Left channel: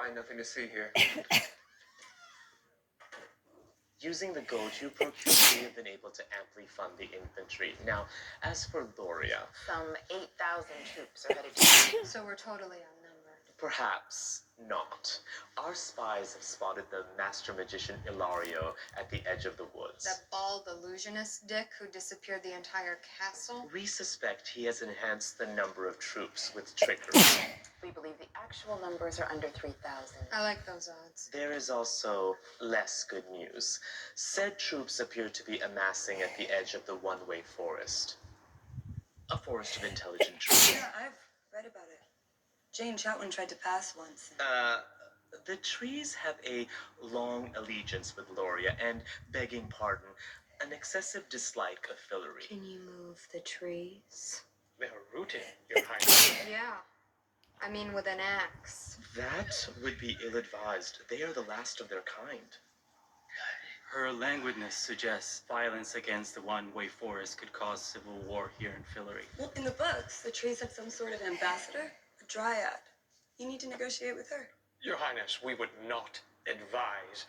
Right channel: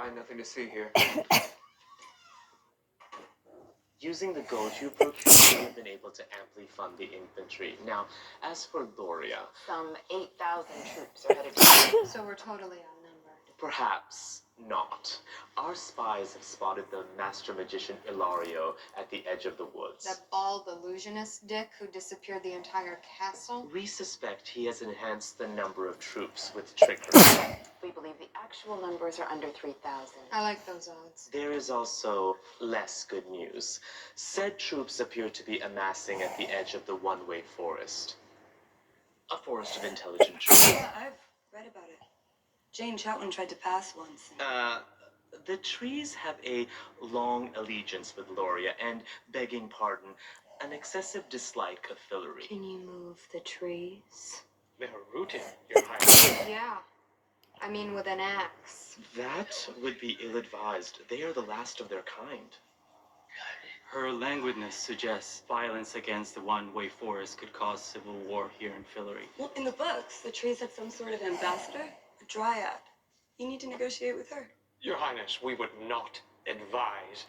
fine, nothing to see here. Using the gold you procured, we have been able to amply fund the infantry. Now, as for Loria, Some 8,000 troops are headed to So we're totally outnumbered. perhaps not. Our spies have spotted the master magician Ilario at the edge of the woods. That bald illusionist dick who disappeared the entire castle? We suspect he has enhanced the number of troops with trickery. We believe the actual numbers are under 3,000. I like those odds. There is also less good news. Said troops appear to be amassing at the edge of the one-way forest. A forest of intelligent trees. Yeah, I've read about it. Jane Chatwin tried to pass once. The trees have a long allegiance with Loria and, begging pardon, an excessive dislike of Fillory. Can you move the trees? They are rooted, Your Highness. Yeah. I mean, with an axe. That would be ill-advised. They are the last of their kind. Her languidness suggests violence against the one-way forest could cause civil war here in Fillory. Well, in the books, the trees had some sort of ambassador, a dryad. You need to negotiate with her. Your Highness, we would not advise.